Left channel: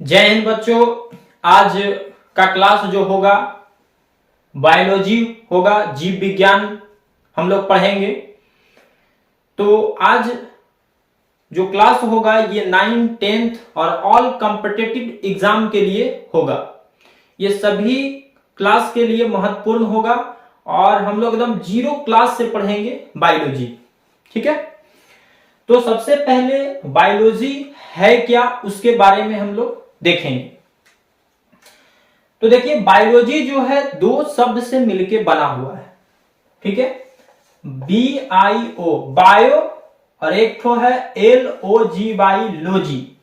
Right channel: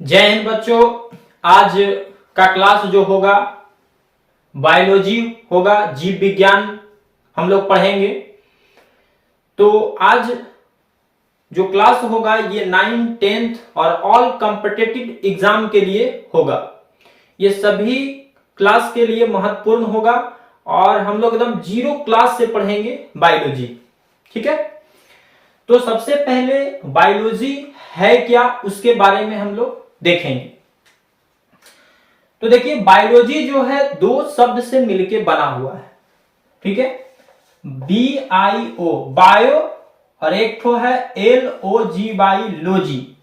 जय हिंद बच्चों। आज का क्लास जो होगा बायोलॉजी होगा, जीव विज्ञान हम लोग पढ़ेंगे। तो आज जो क्लास होगा ये 9th 10th और ऑल कॉम्पिटिटिव एग्जाम के लिए होगा। ये सभी क्लास के लिए महत्वपूर्ण होगा और हम लोग एकदम जीरो क्लास से पढ़ेंगे बायोलॉजी। ठीक है, तो सबसे पहले बायोलॉजी है क्या उसके बारे में हम लोग देखेंगे। तो देखिए बायोलॉजी जो है दो शब्द से मिलके बना हुआ है। ठीक है, BIO बायो और एक तो है LOGY लॉजी।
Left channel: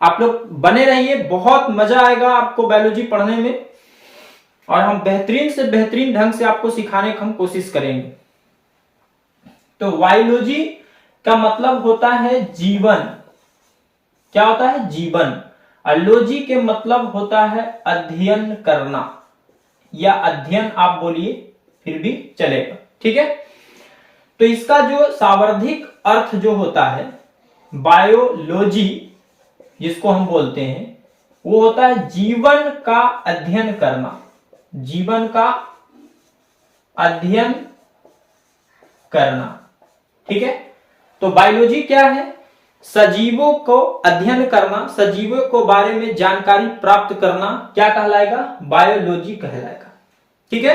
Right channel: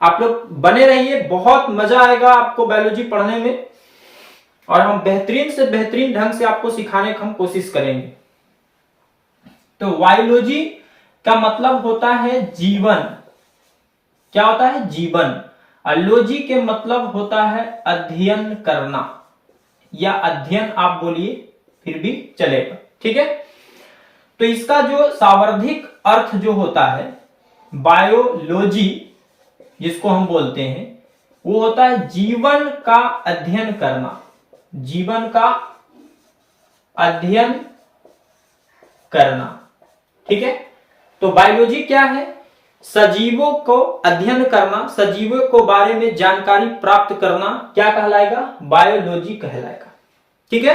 आप लोग बने रहिए, बहुत मजा आएगा आपको बायोलॉजी पढ़ने में और हम बेहतरीन से बेहतरीन ढंग से आपको सिखाने की हम कोशिश करेंगे। तो बायोलॉजी का मतलब होता है जीवन। क्या होता है? जीवन। लॉजी के मतलब होता है अध्ययन करना या अध्ययन आप बोलिए फिर भी चलेगा। ठीक है, तो इसका जो शाब्दिक अर्थ जो होता है बायोलॉजी जिसको हम बोलते हैं वो होता है जीवन का अध्ययन करना। जीवन का अध्ययन करना। ठीक है, तो बायोलॉजी क्या है? सजीवों को अध्ययन करना, सजीवों को बारे में जानकारी प्राप्त करना क्या कहलाएगा? बायोलॉजी कहलाएगा। ठीक है,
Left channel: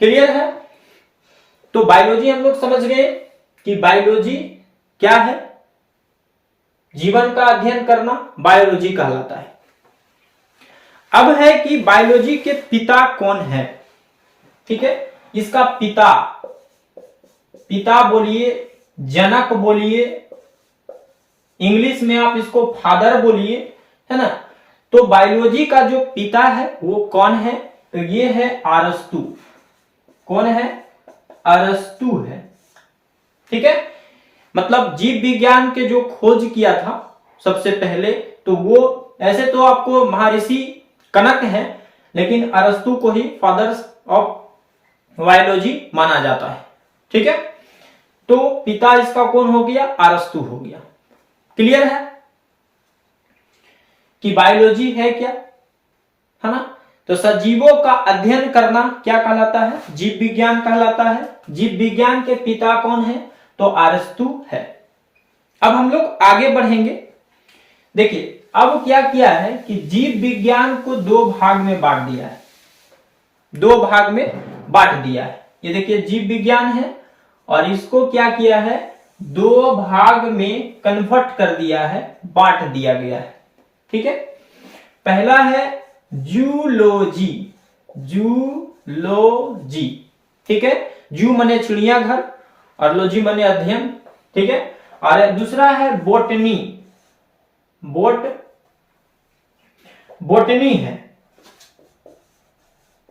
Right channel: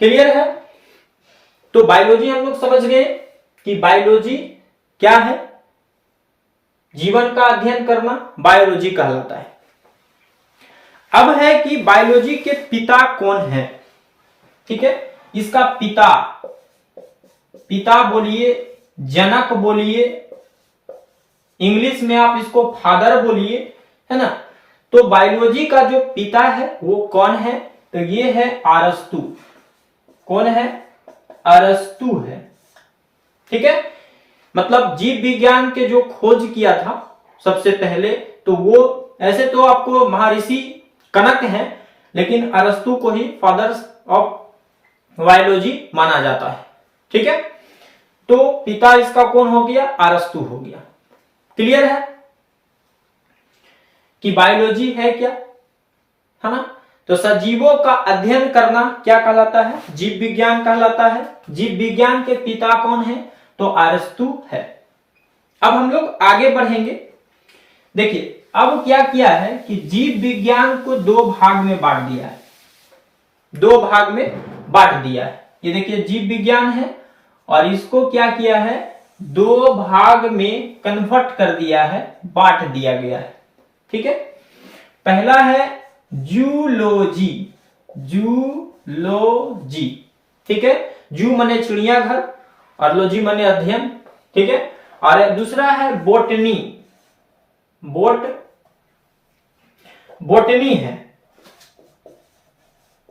क्लियर है? तो बायोलॉजी हम लोग समझ गए कि बायोलॉजी क्या है, जीवन का अध्ययन करना बायोलॉजी कहलाता है। अब है कि बायोलॉजी के पिता कौन है। ठीक है, इसका पिता बोलिए, जनक बोलिए, इंग्लिश में आप इसको फादर बोलिए, है ना। तो बायोलॉजी का जो पिता है वो कौन है? तो ये है अरस्तु। कौन है? अरस्तु है। ठीक है, मतलब जीव विज्ञान के जो खोज किया था सबसे पहले, तो वो ऐसे तो आपको महर्षि कनक है, लेकिन अरस्तु को ही फादर्स ऑफ बायोलॉजी माना जाता है। ठीक है, तो पिता इसका कौन हो गया? अरस्तु हो गया। क्लियर है कि बायोलॉजी है क्या, है ना। तो सजीवों का अध्ययन करना क्या कहलाता है? जीव विज्ञान कहलाता है। जीव विज्ञान के पिता कौन है? तो अरस्तु है। अब हम लोग आगे बढ़ेंगे। देखिए अब क्या किया है कि जीव विज्ञान को दो भाग में बांट दिया है। दो भाग में बांट दिया है। ये देखिए जीव विज्ञान है और इसको क्या किया है? दो भाग में कन्वर्ट कर दिया है, बांट दिया गया है। ठीक है, पहला है जूलॉजी। जूलॉजी, ठीक है, जू माने चिड़ियाघर और लॉजी माने अध्ययन। ठीक है, और दूसरा है बोटनी। बोटनी है,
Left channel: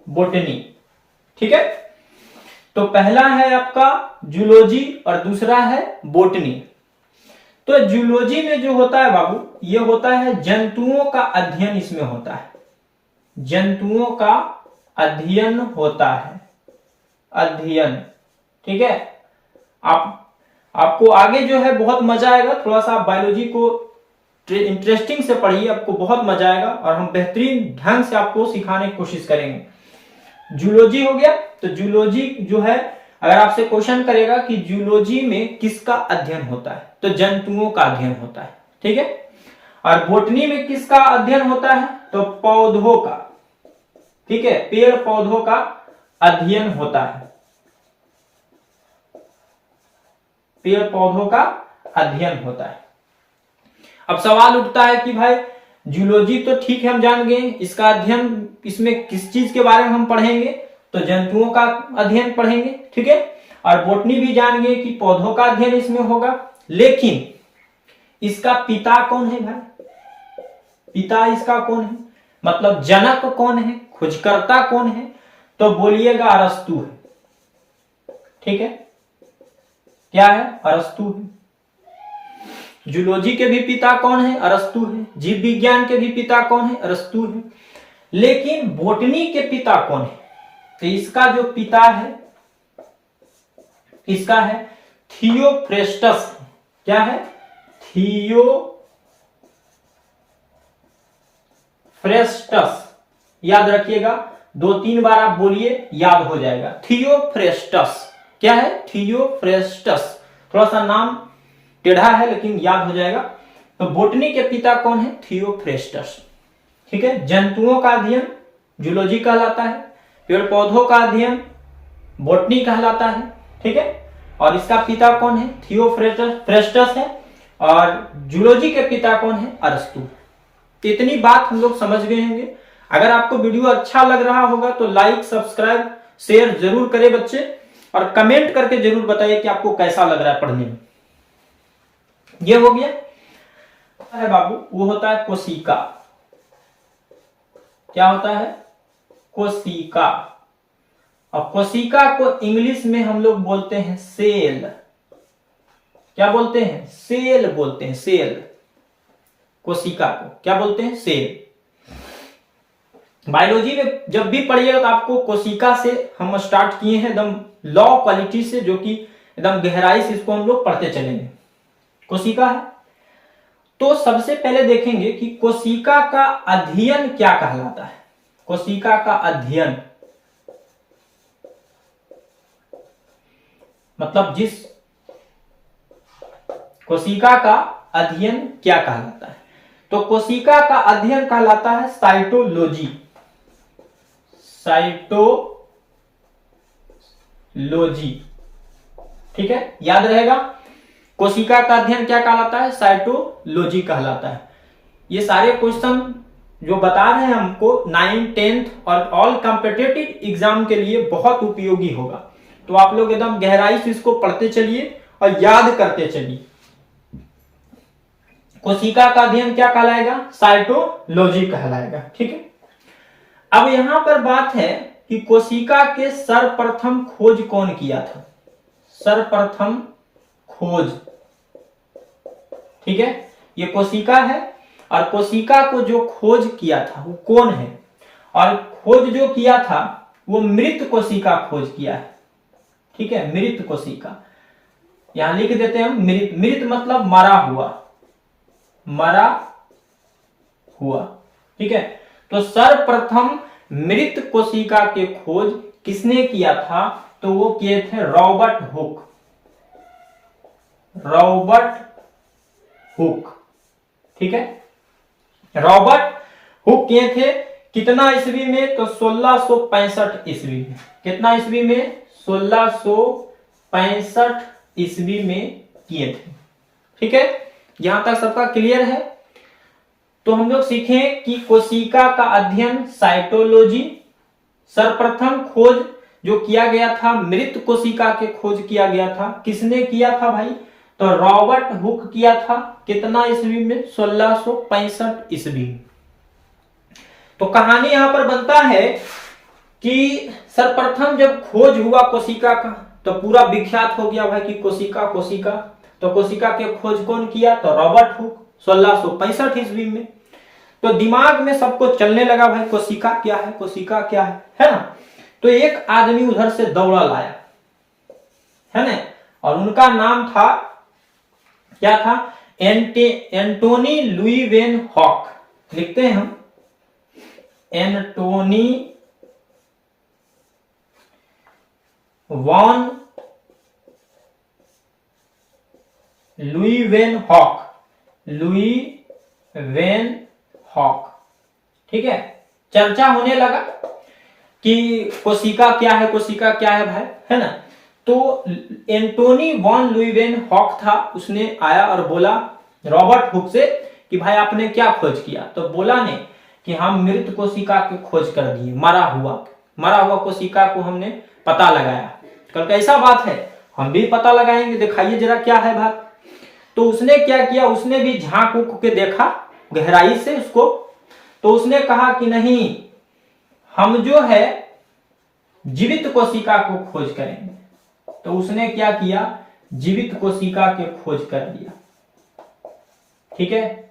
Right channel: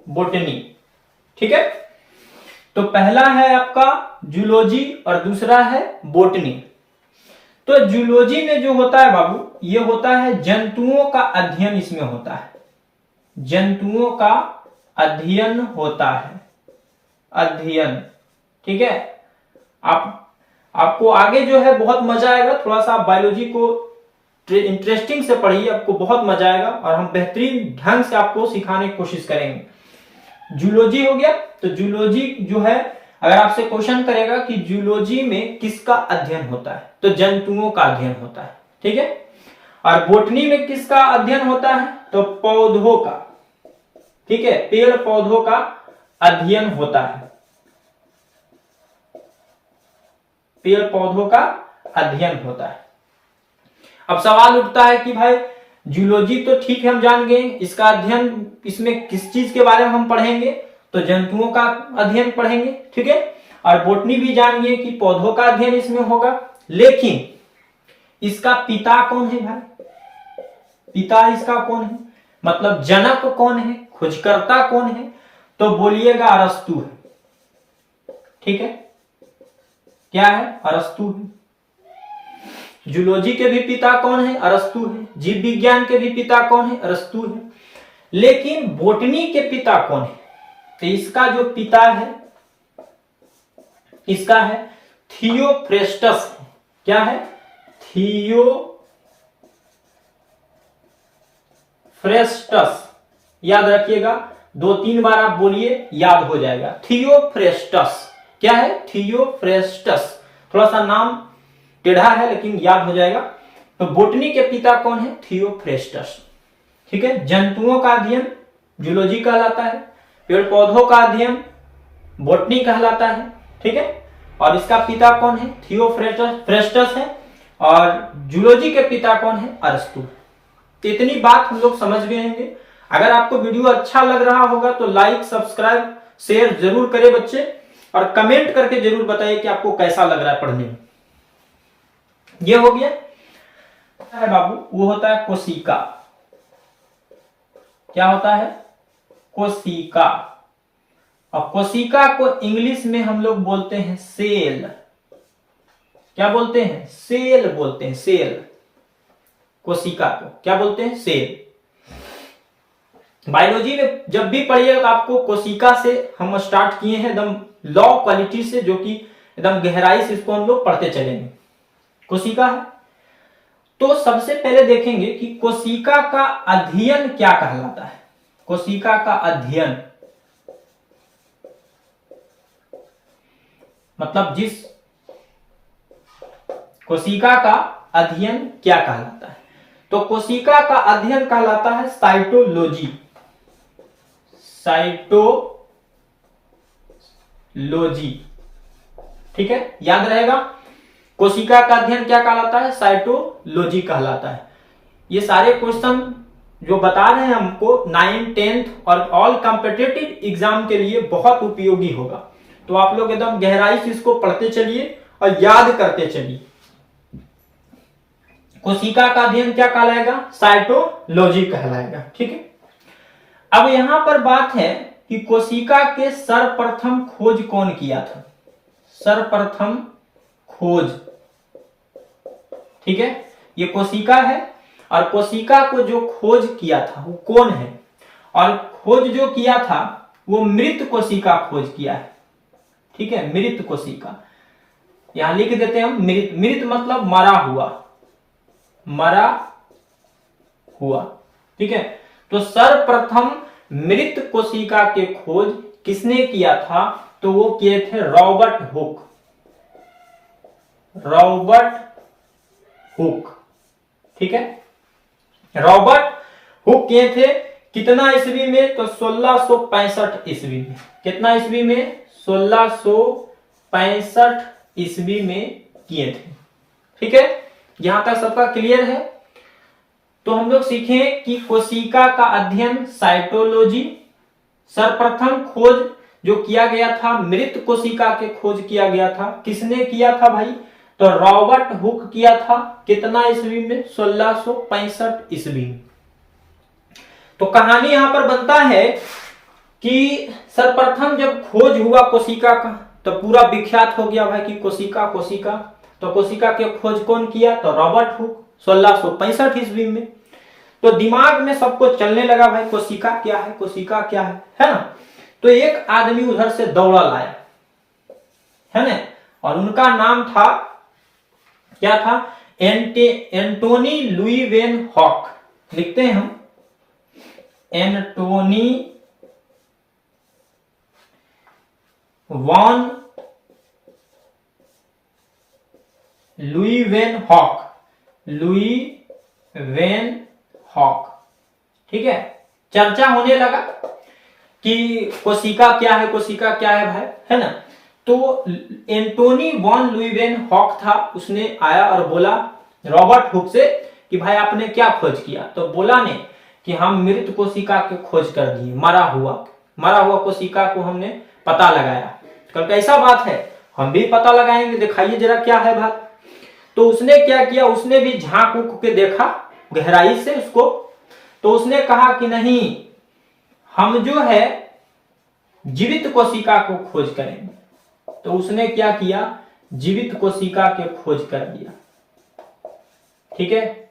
बोटनी। ठीक है, तो पहला है आपका जूलॉजी और दूसरा है बोटनी। तो जूलॉजी में जो होता है बाबू, ये होता है जंतुओं का अध्ययन। इसमें होता है जंतुओं का अध्ययन होता है, अध्ययन। ठीक है, आपको आगे जो है बहुत मजा आएगा। थोड़ा सा आप बायोलॉजी को इंटरेस्टिंग से पढ़िए, आपको बहुत मजा आएगा और हम बेहतरीन ढंग से आपको सिखाने की कोशिश करेंगे। जूलॉजी हो गया। तो जूलॉजी जो है, अगर आपसे क्वेश्चन करेगा कि जूलॉजी में किसका अध्ययन होता है, तो जंतुओं का अध्ययन होता है। ठीक है, और बोटनी में किसका अध्ययन होता है? तो पौधों का। ठीक है, पेड़ पौधों का अध्ययन होता है। पेड़ पौधों का अध्ययन होता है। अब सवाल उठता है कि भाई जूलॉजी तो ठीक है हम जान गए, इसका अध्ययन, इसमें किस चीज के बारे में हम पढ़ेंगे? तो जंतुओं का अध्ययन पढ़ेंगे। ठीक है, और बोटनी भी जान गए कि पौधों का अध्ययन इसमें होगा। लेकिन इसका पिता कौन है भाई? पिता इसका कौन है, मतलब जनक कौन है, खोजकर्ता कौन है? तो बोलिएगा अरस्तु है। ठीक है, क्या है? अरस्तु है। जूलॉजी के भी पिता कौन है? अरस्तु है। जीव विज्ञान के भी पिता कौन है? अरस्तु है। लेकिन बोटनी के पिता कौन है? तो इसका जो पिता है, इसका है थियोफ्रेस्टस। क्या है? थियोफ्रेस्टस। थियोफ्रेस्टस, याद रखिएगा, 2-3 बार आप बोलिए, याद हो जाएगा। थियोफ्रेस्टस क्या है? थियोफ्रेस्टस, थोड़ा सा नाम टेढ़ा है लेकिन याद हो जाएगा। तो बोटनी के पिता कौन है? थियोफ्रेस्टस। ठीक है। जंतुओं का अध्ययन जूलॉजी कहलाता है, पेड़ पौधों का अध्ययन बोटनी कहलाता है। ठीक है। और इसका पिता कौन है? थियोफ्रेस्टस है। और जूलॉजी के पिता कौन है? अरस्तु। इतनी बात हम लोग समझ गए होंगे। अगर आपको वीडियो अच्छा लग रहा होगा तो लाइक, सब्सक्राइब, शेयर जरूर करें बच्चे, और कमेंट करके जरूर बताइए कि आपको कैसा लग रहा है पढ़ने में। ये हो गया है बाबू, वो होता है कोशिका। क्या होता है? कोशिका। और कोशिका को इंग्लिश में हम लोग बोलते हैं सेल। क्या बोलते हैं? सेल बोलते हैं, सेल। कोशिका को क्या बोलते हैं? सेल। बायोलॉजी में जब भी पढ़िएगा तो आपको कोशिका से हम स्टार्ट किए हैं, एकदम लॉ क्वालिटी से, जो कि एकदम गहराई से इसको हम लोग पढ़ते चलेंगे। कोशिका है तो सबसे पहले देखेंगे कि कोशिका का अध्ययन क्या कहलाता है। कोशिका का अध्ययन मतलब जिस कोशिका का अध्ययन क्या कहलाता है? तो कोशिका का अध्ययन कहलाता है साइटोलॉजी। साइटोलॉजी, ठीक है, याद रहेगा। कोशिका का अध्ययन क्या कहलाता है? साइटोलॉजी कहलाता है। ये सारे क्वेश्चन जो बता रहे हैं हमको 9th 10th और ऑल कॉम्पिटिटिव एग्जाम के लिए बहुत उपयोगी होगा। तो आप लोग एकदम गहराई से इसको पढ़ते चलिए और याद करते चलिए। कोशिका का अध्ययन क्या कहलाएगा? साइटोलॉजी कहलाएगा। ठीक है। अब यहां पर बात है कि कोशिका के सर्वप्रथम खोज कौन किया था? सर्वप्रथम खोज, ठीक है, ये कोशिका है। और कोशिका को जो खोज किया था वो कौन है? और खोज जो किया था वो मृत कोशिका खोज किया है। ठीक है, मृत कोशिका, यहां लिख देते हैं हम मृत। मृत मतलब मरा हुआ, मरा हुआ। ठीक है। तो सर्वप्रथम मृत कोशिका के खोज किसने किया था? तो वो किए थे रॉबर्ट हुक। रॉबर्ट हुक, ठीक है, रॉबर्ट हुक किए थे। कितना ईस्वी में? तो 1665 ईस्वी में। कितना ईस्वी में? 1665 ईस्वी में किए थे। ठीक है, यहां तक सबका क्लियर है। तो हम लोग सीखें कि कोशिका का अध्ययन साइटोलॉजी, सर्वप्रथम खोज जो किया गया था मृत कोशिका के खोज किया गया था। किसने किया था भाई? तो रॉबर्ट हुक किया था। कितना ईस्वी में? 1665 ईस्वी में। तो कहानी यहां पर बनता है कि सर्वप्रथम जब खोज हुआ कोशिका का तो पूरा विख्यात हो गया भाई कि कोशिका कोशिका। तो कोशिका के खोज कौन किया? तो रॉबर्ट हुक 1665 ईस्वी में। तो दिमाग में सबको चलने लगा भाई कोशिका क्या है, कोशिका क्या है ना। तो एक आदमी उधर से दौड़ा लाया, है ना, और उनका नाम था, क्या था? Antonie Leeuwenhoek. लिखते हैं हम Antonie van Leeuwenhoek. Leeuwenhoek, ठीक है। चर्चा होने लगा कि कोशिका क्या है, कोशिका क्या है भाई, है ना। तो एंटोनी वॉन लुईवेन हॉक था, उसने आया और बोला रॉबर्ट हुक से कि भाई आपने क्या खोज किया? तो बोला ने कि हम मृत कोशिका की खोज कर दिए, मरा हुआ कोशिका को हमने पता लगाया। कल कैसा बात है, हम भी पता लगाएंगे, दिखाइए जरा क्या है बात। तो उसने क्या किया? उसने भी झांक उक के देखा गहराई से उसको। तो उसने कहा कि नहीं, हम जो है जीवित कोशिका को खोज करेंगे। तो उसने क्या किया? जीवित कोशिका के खोज कर दिया। ठीक है,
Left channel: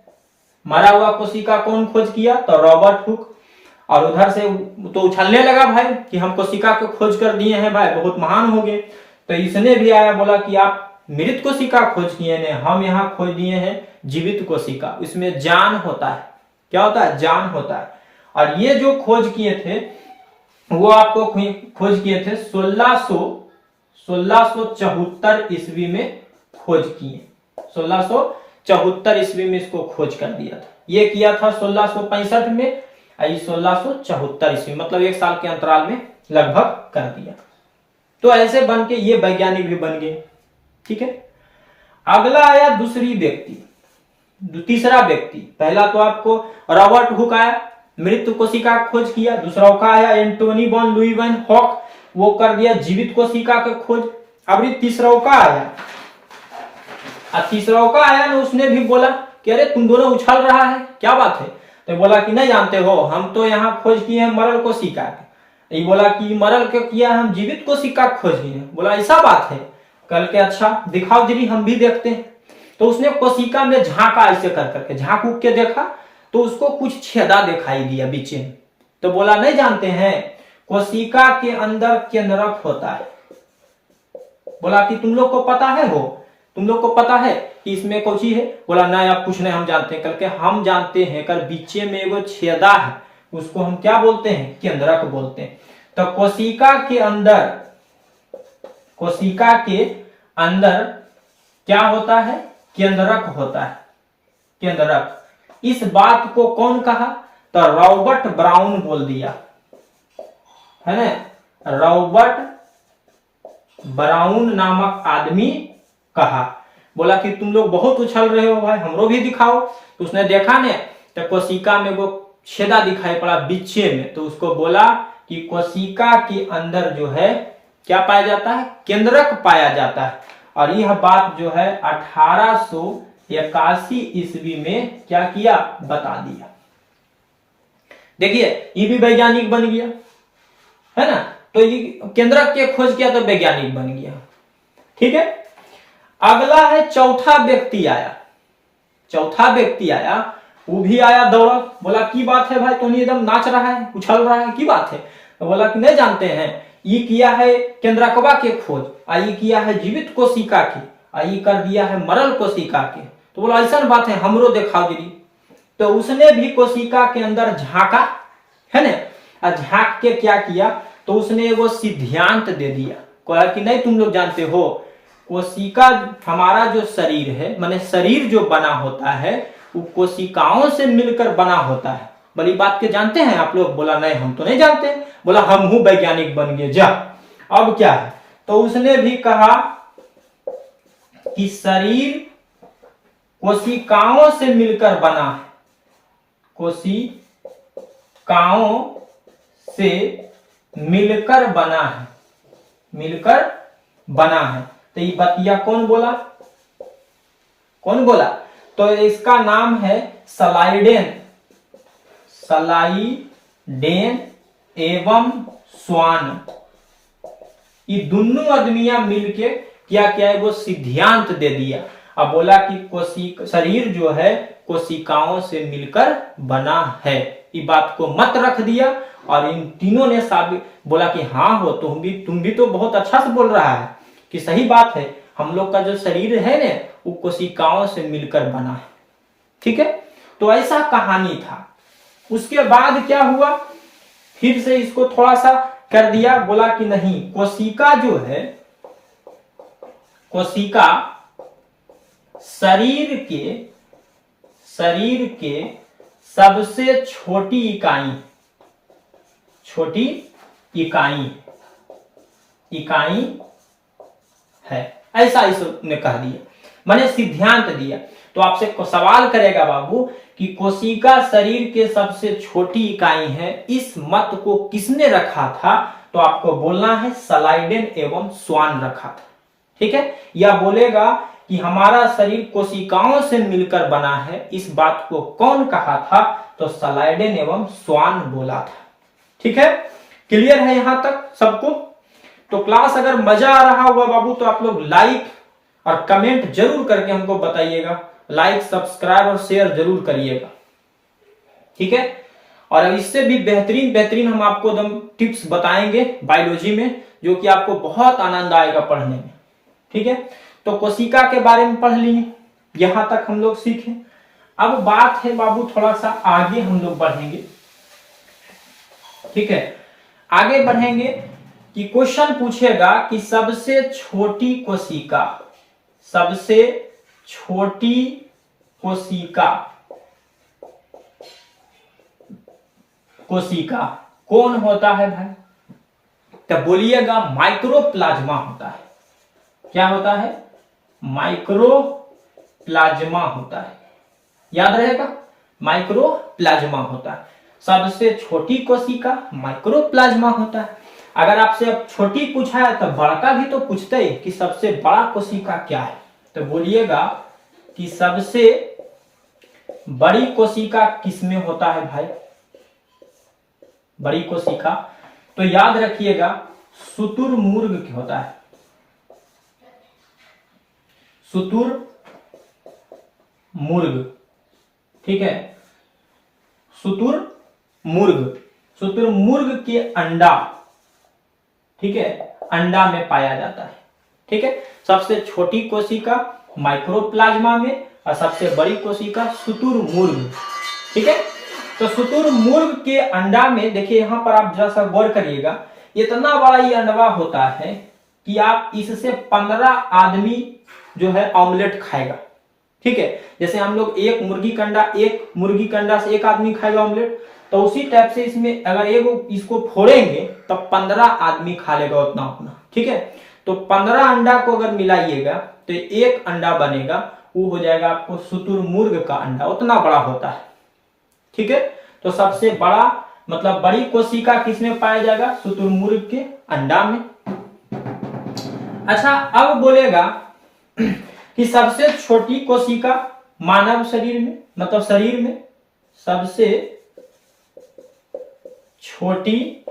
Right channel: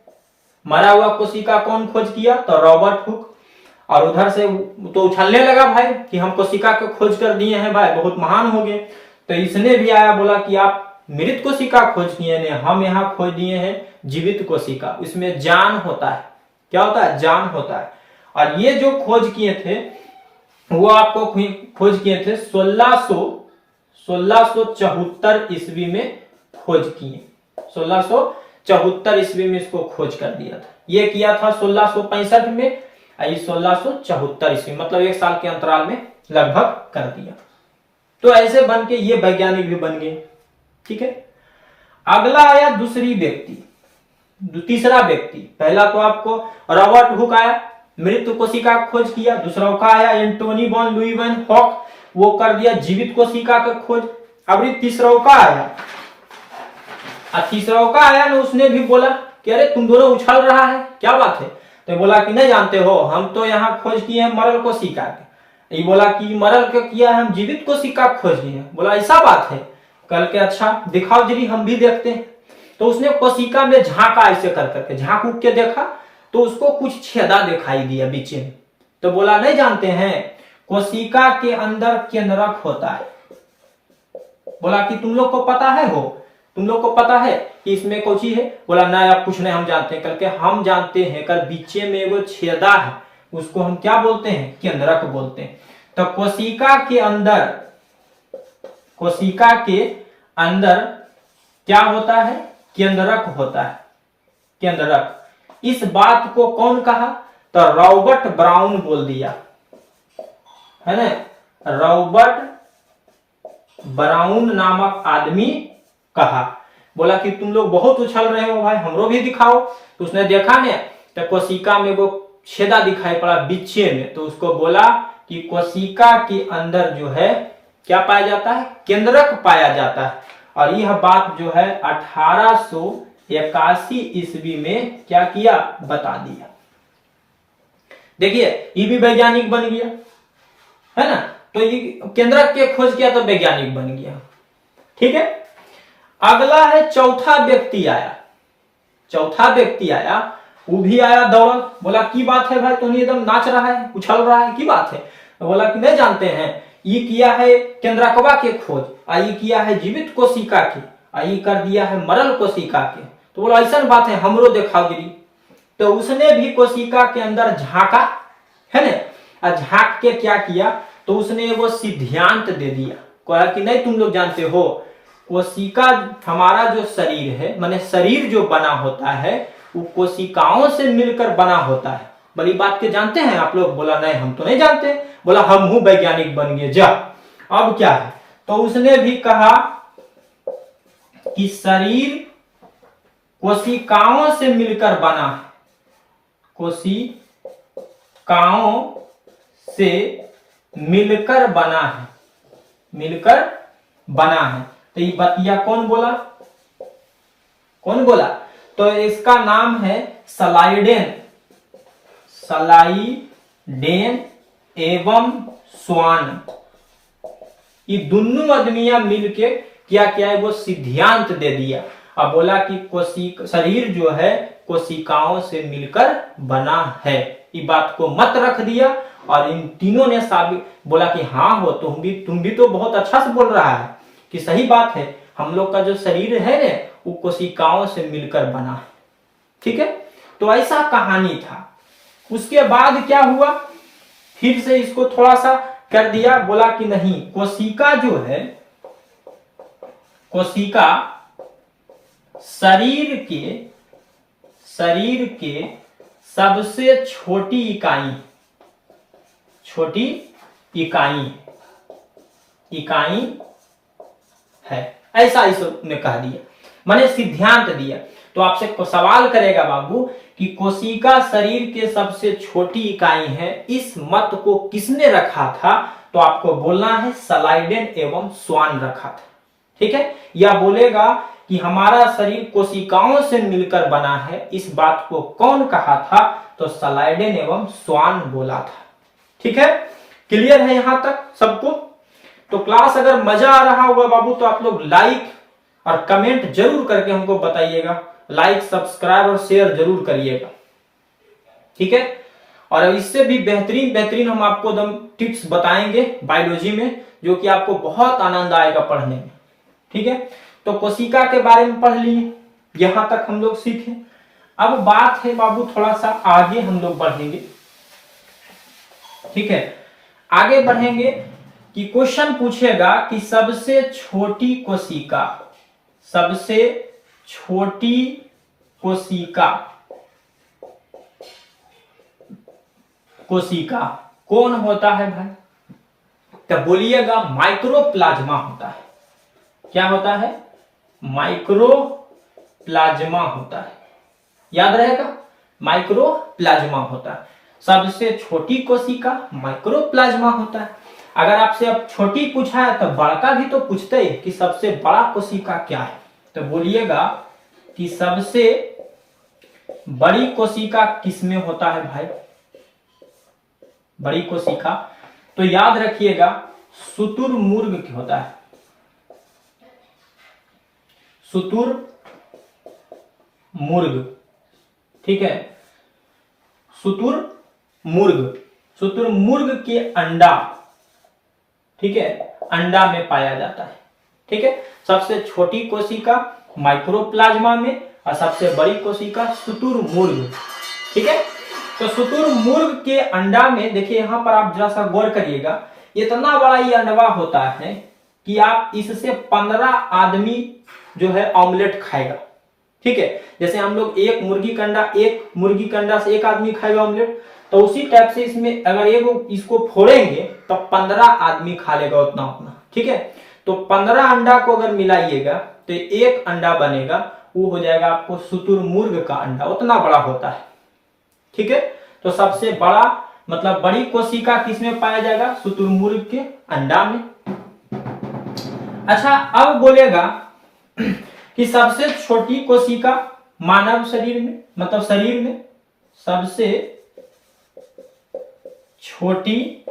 मरा हुआ कोशिका कौन खोज किया? तो रॉबर्ट हुक। और उधर से तो उछलने लगा भाई कि हम कोशिका को खोज कर दिए हैं भाई, बहुत महान हो गए। तो इसने भी आया, बोला कि आप मृत कोशिका खोज किए हैं, हम यहाँ खोज दिए हैं जीवित कोशिका। इसमें जान होता है। क्या होता है? जान होता है। और ये जो खोज किए थे वो आपको खोज किए थे 1674 ईस्वी में खोज किए। 1674 ईस्वी में इसको खोज कर दिया था। ये किया था 1665 में, 1674 ईस्वी, मतलब 1 साल के अंतराल में लगभग कर दिया। तो ऐसे बन के ये वैज्ञानिक भी बन गए। ठीक है, अगला आया तीसरा व्यक्ति। पहला तो आपको रॉबर्ट हुक आया, मृत कोशिका का खोज किया। दूसरा का आया एंटोनी वॉन लुईवन हॉक, वो कर दिया जीवित कोशिका का खोज। अब तीसरा का आया, ना, उसने भी बोला कि अरे तुम दोनों उछल रहा है, क्या बात है? तो बोला कि नहीं जानते हो, हम तो यहाँ खोज किए हैं मरल कोशिका के। ये बोला कि मरल के किया, हम जीवित कोशिका खोज किए हैं। बोला ऐसा बात है? कल के अच्छा दिखाओ जरी, हम भी देखते हैं। तो उसने कोशिका में झांका, ऐसे कर करके झांक उक के देखा तो उसको कुछ छेदा दिखाई दिया बीच में। तो बोला नहीं जानते हैं, कोशिका के अंदर केंद्रक होता है। बोला कि तुम लोग को पता है, तुम लोग को पता है कि इसमें कौन सी है? बोला ना आप कुछ नहीं, हम जानते हैं। करके हम जानते हैं, कर बीचे में वो छेदा है, उसको हम क्या बोलते हैं? केंद्रक बोलते हैं। तो कोशिका के अंदर क्या होता है? केंद्रक होता है, केंद्रक। इस बात को कौन कहा? तो रॉबर्ट ब्राउन बोल दिया, है ना। रॉबर्ट ब्राउन नामक आदमी कहा। बोला कि तुम लोग बहुत उछल रहे हो भाई, हमरो भी दिखाओ। तो उसने देखा ने, तो कोशिका में वो छेदा दिखाई पड़ा बीचे में। तो उसको बोला कि कोशिका के अंदर जो है क्या पाया जाता है? केंद्रक पाया जाता है। और यह बात जो है 1881 ईस्वी में क्या किया? बता दिया। देखिए ये भी वैज्ञानिक बन गया, है ना। तो ये केंद्रक के खोज किया तो वैज्ञानिक बन गया। ठीक है, अगला है चौथा व्यक्ति आया। वो भी आया दौड़। बोला की बात है भाई, तो नहीं एकदम नाच रहा है, उछल रहा है, की बात है? तो बोला कि नहीं जानते हैं, ये किया है केंद्रकवा के खोज, ये किया है जीवित कोशिका की, ये कर दिया है मरल कोशिका के। तो बोला ऐसा बात है, हमरो देखा दी। तो उसने भी कोशिका के अंदर झांका, है ना। झांक के क्या किया? तो उसने वो सिद्धांत दे दिया, कहा कि नहीं तुम लोग जानते हो, कोशिका हमारा जो शरीर है, माने शरीर जो बना होता है वो कोशिकाओं से मिलकर बना होता है। बड़ी बात के जानते हैं आप लोग? बोला नहीं हम तो नहीं जानते। बोला हम हूं वैज्ञानिक बन गए जा। अब क्या है? तो उसने भी कहा कि शरीर कोशिकाओं से मिलकर बना है, कोशिकाओं से मिलकर बना है, तो ये बतिया कौन बोला? तो इसका नाम है स्लाइडेन एवं स्वान। ये दोनों आदमियां मिलके क्या है? वो सिद्धांत दे दिया। अब बोला कि शरीर जो है कोशिकाओं से मिलकर बना है। ये बात को मत रख दिया। और इन तीनों ने साबित बोला कि हाँ हो, तुम भी तो बहुत अच्छा से बोल रहा है कि सही बात है, हम लोग का जो शरीर है ना वो कोशिकाओं से मिलकर बना है। ठीक है, तो ऐसा कहानी था। उसके बाद क्या हुआ? फिर से इसको थोड़ा सा कर दिया। बोला कि नहीं, कोशिका जो है, कोशिका शरीर के सबसे छोटी इकाई है, ऐसा इसने कह दिया, मैंने सिद्धांत दिया। तो आपसे सवाल करेगा बाबू कि कोशिका शरीर के सबसे छोटी इकाई है, इस मत को किसने रखा था? तो आपको बोलना है स्लाइडेन एवं स्वान रखा था। ठीक है, या बोलेगा कि हमारा शरीर कोशिकाओं से मिलकर बना है, इस बात को कौन कहा था? तो स्लाइडेन एवं स्वान बोला था। ठीक है, क्लियर है यहां तक सबको? तो क्लास अगर मजा आ रहा होगा बाबू तो आप लोग लाइक और कमेंट जरूर करके हमको बताइएगा। लाइक, सब्सक्राइब और शेयर जरूर करिएगा। ठीक है, और इससे भी बेहतरीन हम आपको एकदम टिप्स बताएंगे बायोलॉजी में, जो कि आपको बहुत आनंद आएगा पढ़ने में। ठीक है, तो कोशिका के बारे में पढ़ लिए, यहां तक हम लोग सीखे। अब बात है बाबू थोड़ा सा आगे हम लोग बढ़ेंगे ठीक है, आगे बढ़ेंगे कि क्वेश्चन पूछेगा कि सबसे छोटी कोशिका, सबसे छोटी कोशिका, कोशिका कौन होता है भाई? तो बोलिएगा माइक्रोप्लाज्मा होता है। क्या होता है? माइक्रोप्लाज्मा होता है। याद रहेगा, माइक्रोप्लाज्मा होता है। सबसे छोटी कोशिका माइक्रोप्लाज्मा होता है। अगर आपसे अब छोटी पूछा है तो बड़का भी तो पूछते ही कि सबसे बड़ा कोशिका क्या है। तो बोलिएगा कि सबसे बड़ी कोशिका किसमें होता है भाई? बड़ी कोशिका तो याद रखिएगा शुतुरमुर्ग होता है। शुतुरमुर्ग, ठीक है, शुतुरमुर्ग, शुतुरमुर्ग के अंडा, ठीक है, अंडा में पाया जाता है। ठीक है, सबसे छोटी कोशिका माइक्रोप्लाज्मा में और सबसे बड़ी कोशिका शुतुरमुर्ग। ठीक है, तो शुतुरमुर्ग के अंडा में देखिए, यहां पर आप जरा सा गौर करिएगा, इतना बड़ा ये अंडा होता है कि आप इससे 15 आदमी जो है ऑमलेट खाएगा। ठीक है, जैसे हम लोग एक मुर्गी का अंडा से एक आदमी खाएगा ऑमलेट, तो उसी टाइप से इसमें अगर इसको फोड़ेंगे तो 15 आदमी खा लेगा उतना उतना। ठीक है, तो 15 अंडा को अगर मिलाइएगा तो एक अंडा बनेगा, वो हो जाएगा आपको शुतुरमुर्ग का अंडा, उतना बड़ा होता है। ठीक है, तो सबसे बड़ा मतलब बड़ी कोशिका किसमें पाया जाएगा? शुतुरमुर्ग के अंडा में। अच्छा, अब बोलेगा कि सबसे छोटी कोशिका मानव शरीर में, मतलब शरीर में सबसे छोटी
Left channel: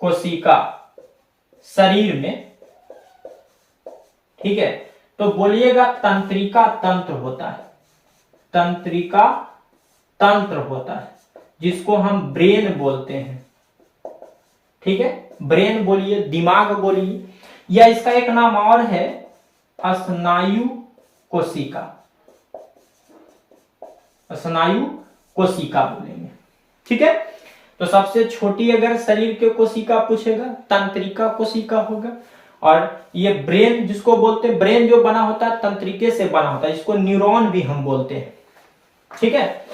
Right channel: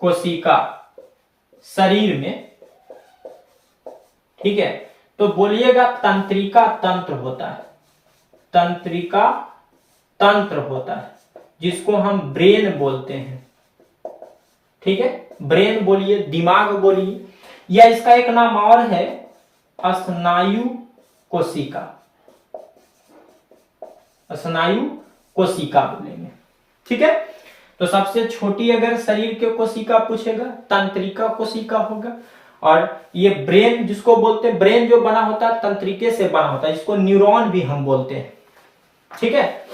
कोशिका शरीर में, ठीक है, तो बोलिएगा तंत्रिका तंत्र होता है। तंत्रिका तंत्र होता है, जिसको हम ब्रेन बोलते हैं। ठीक है, ब्रेन बोलिए, दिमाग बोलिए, या इसका एक नाम और है स्नायु कोशिका। स्नायु कोशिका बोलेंगे। ठीक है, तो सबसे छोटी अगर शरीर के कोशिका पूछेगा तंत्रिका कोशिका होगा। और ये ब्रेन जिसको बोलते हैं, ब्रेन जो बना होता है तंत्रिके से बना होता है, जिसको न्यूरॉन भी हम बोलते हैं। ठीक है,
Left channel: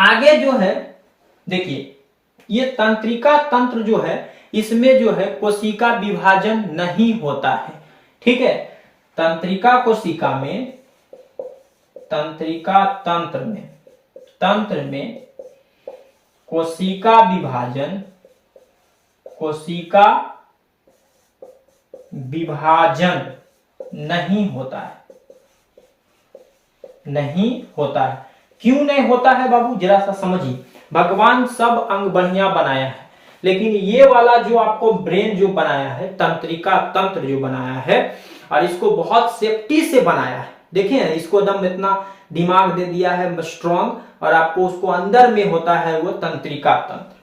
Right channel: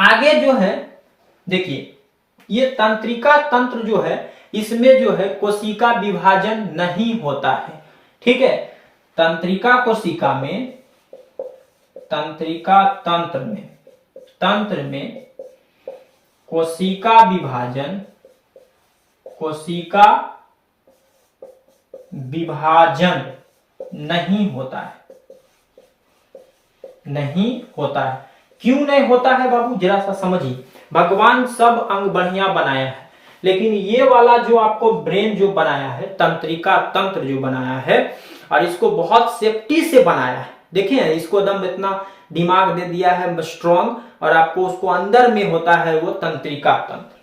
आगे जो है देखिए, ये तंत्रिका तंत्र जो है, इसमें जो है कोशिका विभाजन नहीं होता है। ठीक है, तंत्रिका कोशिका में, तंत्रिका तंत्र में कोशिका विभाजन नहीं होता है। नहीं होता है। क्यों नहीं होता है बाबू, जरा सा समझिए। भगवान सब अंग बढ़िया बनाया है, लेकिन ये वाला जो आपको ब्रेन जो बनाया है, तंत्रिका तंत्र जो बनाया है, और इसको बहुत सेफ्टी से बनाया है। देखिए, इसको एकदम इतना दिमाग दे दिया है स्ट्रॉन्ग, और आपको उसको अंदर में होता है वो तंत्रिका तंत्र।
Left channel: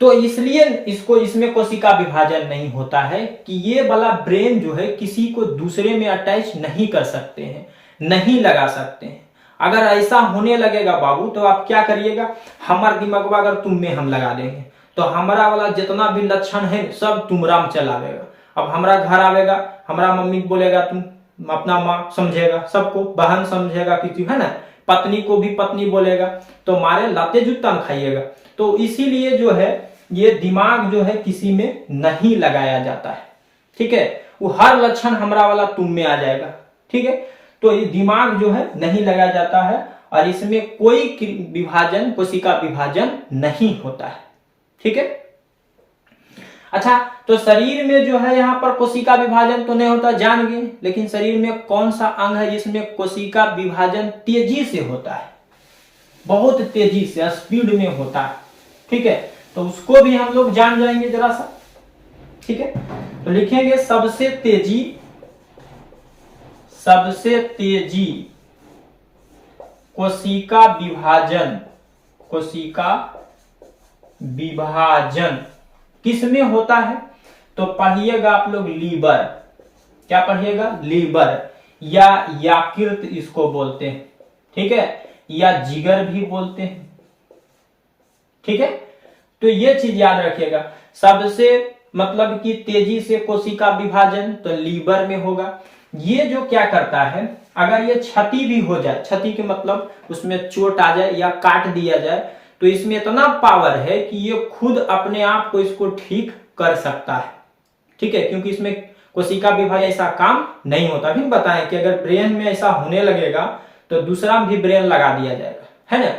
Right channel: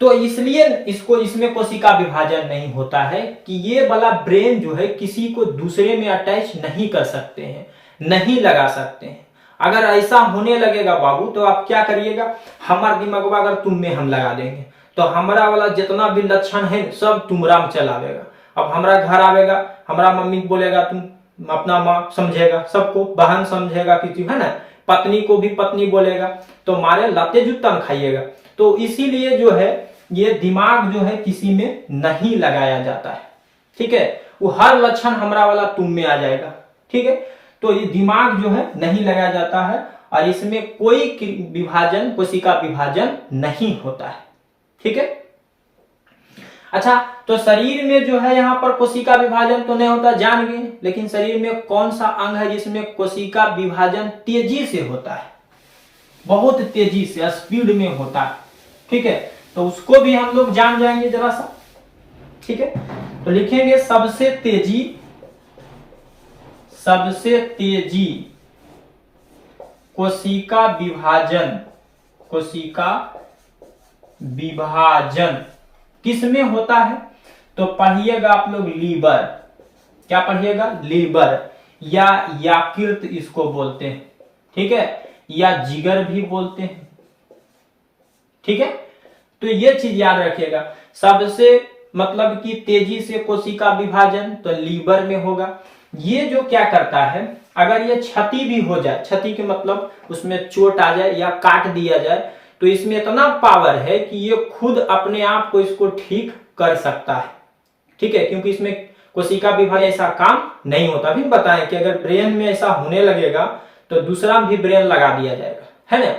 तो इसलिए इसमें कोशिका विभाजन नहीं होता है कि ये वाला ब्रेन जो है किसी को दूसरे में अटैच नहीं कर सकते हैं, नहीं लगा सकते हैं। अगर ऐसा होने लगेगा बाबू, तो आप क्या करिएगा, हमारा दिमाग अगर तुम में हम लगा देंगे तो हमारा वाला जितना भी लक्षण है सब तुमरा में चलावेगा। अब हमारा घर आवेगा, हमारा मम्मी बोलेगा तुम, अपना माँ समझेगा, सबको बहन समझेगा कि तू है ना, पत्नी को भी पत्नी बोलेगा, तो मारे लाते जूता में खाइएगा। तो इसीलिए जो है ये दिमाग जो है किसी में नहीं लगाया जाता है। ठीक है, वो हर लक्षण हमारा वाला तुम में आ जाएगा। ठीक है, तो ये दिमाग जो है नहीं लगाया जाता है, और इसमें कोई विभाजन, कोशिका विभाजन नहीं होता है। ठीक है, अच्छा, तो शरीर में जो है यहाँ पर कोशिका विभाजन तो नहीं होता, जान गए, लेकिन शरीर में कौन सा अंग है जिसमें कोशिका विभाजन तेजी से होता है? बहुत तेजी से, स्पीड में होता है। ठीक है, तो उसको भी हम लोग जान जाएंगे जरा सा। ठीक है, तो लिखेंगे सबसे तेजी कोशिका विभाजन किसमें होता है? तो पढ़िएगा आप लोग लीवर। क्या पढ़िएगा? लीवर, या यकृत इसको बोलते हैं। ठीक है, या जिगर भी बोलते हैं। ठीक है, तो ये चीज याद रखिएगा। सबसे मतलब कि तेजी से कोशिका विभाजन तो लीवर में होगा। ये जो क्या करता है, अगर ये क्षति भी हो जाए, क्षति के मतलब उसमें चोट आ जाए या काट दिया जाए, तो इसमें इतना पावर है कि ये खुद अपने आप को इसको ठीक कर सकता है। ठीक है, क्योंकि इसमें कोशिका विभाजन ऐसा काम नहीं होता। भी बताएं कि अगर ब्रेन में ऐसा होने लगेगा तो दूसरा भी ब्रेन लगा दिया जाएगा, है ना।